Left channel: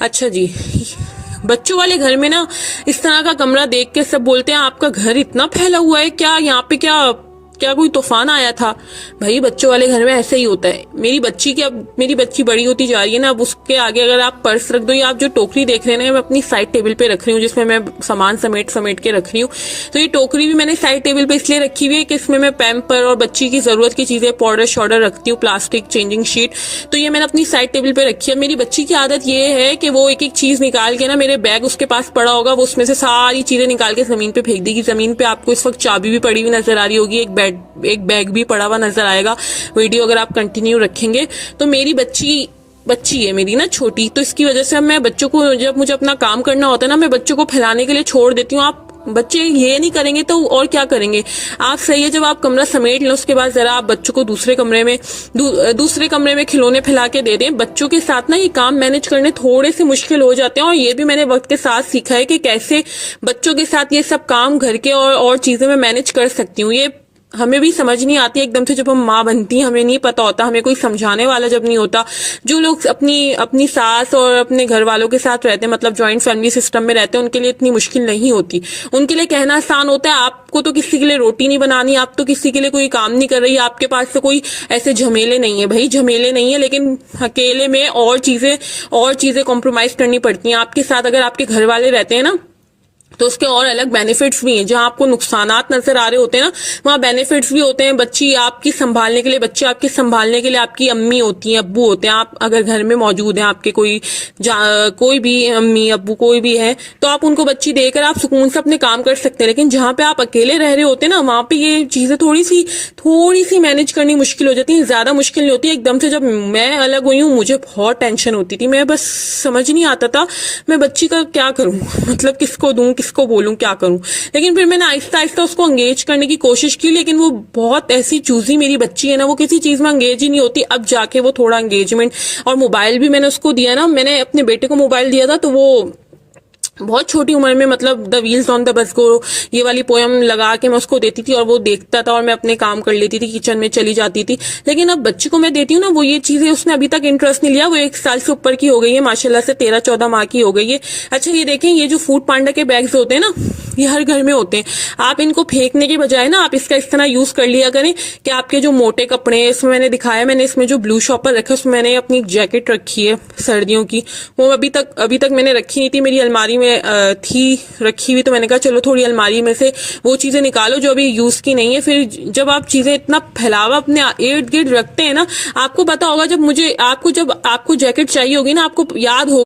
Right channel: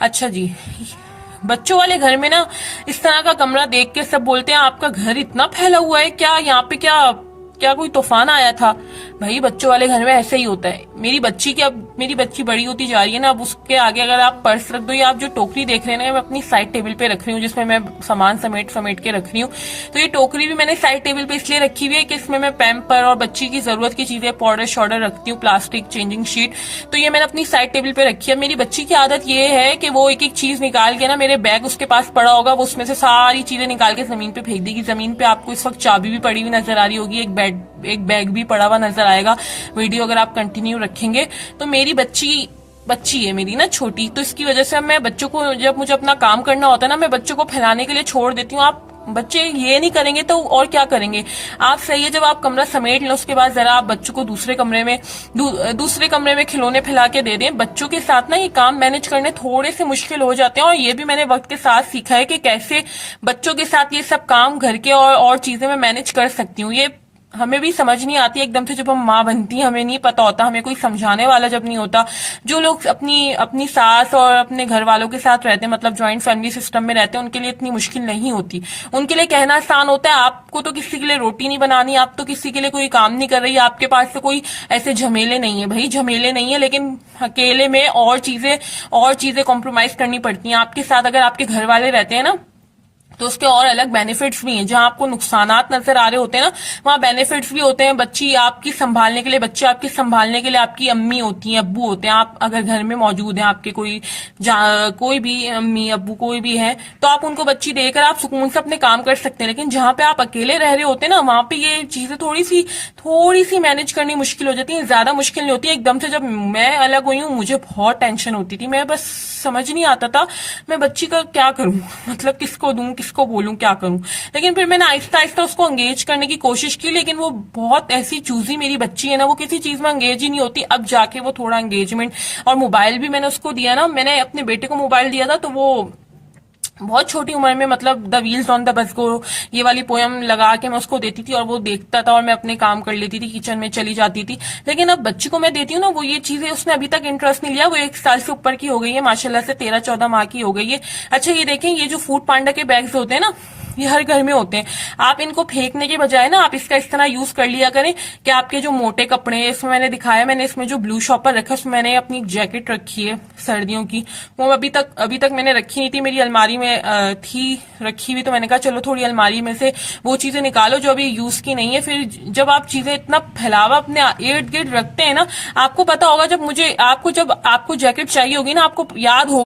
अच्छा जी। बच्चों वाले घर में ना इस तरह का कमरा देख के सब बोलते हैं आपका घर इतना फैला हुआ है, क्या यहाँ पे क्या क्या कोई तूफान आया था? भाई बच्चों वाले घर में ऐसे ही होता है। मेरी बच्ची बड़ी होती जा रही है ना, अब उसके आगे अगर आप पर्स रख दो, या आप जो टोकरी देख रहे हैं मैं अपनी साइड टेबल पे रख रही हूँ जिसमें मैं सामान समेट समेट के रख रही हूँ। तो ये टोकरी भी मैंने साइड टेबल पे इसलिए रखी हुई है कि इसमें मैं पैम्पर और बच्ची की जरूरत की चीजें, पाउडर शॉर्डर रखती हूँ, प्लास्टिक, चेंजिंग शीट। तो ये मैंने अपनी साइड टेबल पे रखी है। मेरी बच्ची की आदत ये है कि वो एक एक चीज निकाल के ना, मेरे बैग उसके पास पड़ा होगा, वो उसमें से सारी चीजें निकाल के जमीन पे फेंक देगी। जमीन पे आपको इस वक्त चाबी भी पड़ी हुई नजर आ रही होगी, एक बैग भी पड़ा हुआ नजर आएगा। वीडियो अगर आप कंटिन्यू रखेंगे तो मेरी बच्ची है मेरी ना छोटी, तो इसकी वजह से मैं बच्चों को, जब मुझे अपना काम करना होता है ना, मैं बच्चों को फैलाने के लिए छोड़ देती हूँ। आप बच्चे ये नहीं करेंगे तो और क्या करेंगे? आप सही है, जब आप कमरा समेट लें उसके बाद जरा आप बच्चों को दूसरे कमरे में खिलौने फैला के दे दें। बच्चों के साथ ना ये काम मैनेज करने थोड़े से मुश्किल हो जाते हैं, और ये भी मैंने वक्त के साथ सीखा है कि कैसे बच्चों के साथ ये सब काम घर के और चीजें मैं मैनेज कर सकती हूँ। ये हमें भी समझ नहीं आती एकदम से, जब हम माँ बनती हैं हमें नहीं पता होता, हमें कोई समझाने वाला जब नहीं होता। जो लोग अपनी अपनी सास और अपने घर वालों के साथ रहते हैं, मतलब ज्वाइंट फैमिली सिस्टम में रहते हैं, उनके लिए इतनी मुश्किल नहीं होती। उनके लिए कहना आसान होता है, आपको तो किसी के लिए रोटी नहीं बनानी, आप तो किसी के लिए कोई काम नहीं कर रही, आपके पास तो कोई ऐसे झमेले नहीं है। भाई झमेले नहीं है, लेकिन अकेले में और चीजें कॉम्प्रोमाइज करनी पड़ती हैं आपके साथ। अगर आपके घर वाले रहते हैं ना तो उसके और अलग बेनिफिट्स भी हैं। जहां आपको नुकसानात नजर आ रहे होते हैं ना, वहां बेनिफिट्स भी होते हैं। बच्चे आपकी संभालने के लिए आपकी अम्मी होती हैं, अब्बू होते हैं। आप अगर घर में मौजूद हैं, आपके कोई भी अम्मी अब्बू कोई भी है, तो आप उनको बच्ची देकर आप सुकून से अपने काम कर सकते हैं। लेकिन जहां पे आप अकेले रह रहे होते हैं ना, वहां पे ये चीजें थोड़ी सी मैनेज करनी मुश्किल हो जाती है। ज्यादा मुश्किल नहीं होती है। एकदम से जब मैं अलग हुई हूँ मुझे बहुत टेंशन होती थी, मैं बस समझ नहीं आता था मैं बच्ची का क्या करूं, मतलब किसको दूं, किसको बोलूं, क्या करूं। लेकिन फिर मैंने आहिस्ता आहिस्ता उसको एंगेज करने की कोशिश की, लेकिन वो बहुत ऐसी चूजी मेरी बच्ची है ना, वो किसी चीज में एंगेज ही नहीं होती। अब जाके वो थोड़ा एंगेजमेंट, और मोबाइल भी मैंने उसको दिया ना, मैंने अपने बेटे को मोबाइल दिया था तो वो बहुत छोटी उम्र में, मतलब the wheels on the bus को ये वाली पोयम लगा के मैं उसको देती थी और वो देखता था और मैं अपने काम कर लेती थी, किचन में चली जाती थी। लेकिन अब बच्ची को मैं देती हूँ ना, वो ये चीजें उसने अभी तक इंटरेस्ट नहीं लिया। वो 1 साल से ऊपर की हो गई है, माशाल्लाह से 13-14 माह की हो गई है। अच्छा ये देखें, ये जो फूड पांडा के बैग्स होते हैं ना, ये हर घर में होते हैं। आप इनको फेंकने के बजाय ना, आप इसका इस तरह यूज कर लिया करें कि आपके जो मोटे कपड़े, इसमें मैंने दिखाया, मैंने इसमें जो ब्लू शॉपर रखा, उसमें मैंने अपनी जैकेट रखी है सर्दियों की, वो अभी तक मैंने रखी नहीं थी, मेरी अलमारी में थी रखी हुई। तो मैंने कहा चलो थोड़ी अलमारी में से वो चीजें निकालो जो अभी यूज की नहीं है। फिर जब आप चीजें इतना फैलावा अपने इर्द गिर्द रखते हैं ना, आपको पता होगा जब आपको जैकेट चाहिए होगी ना, आपको याद हो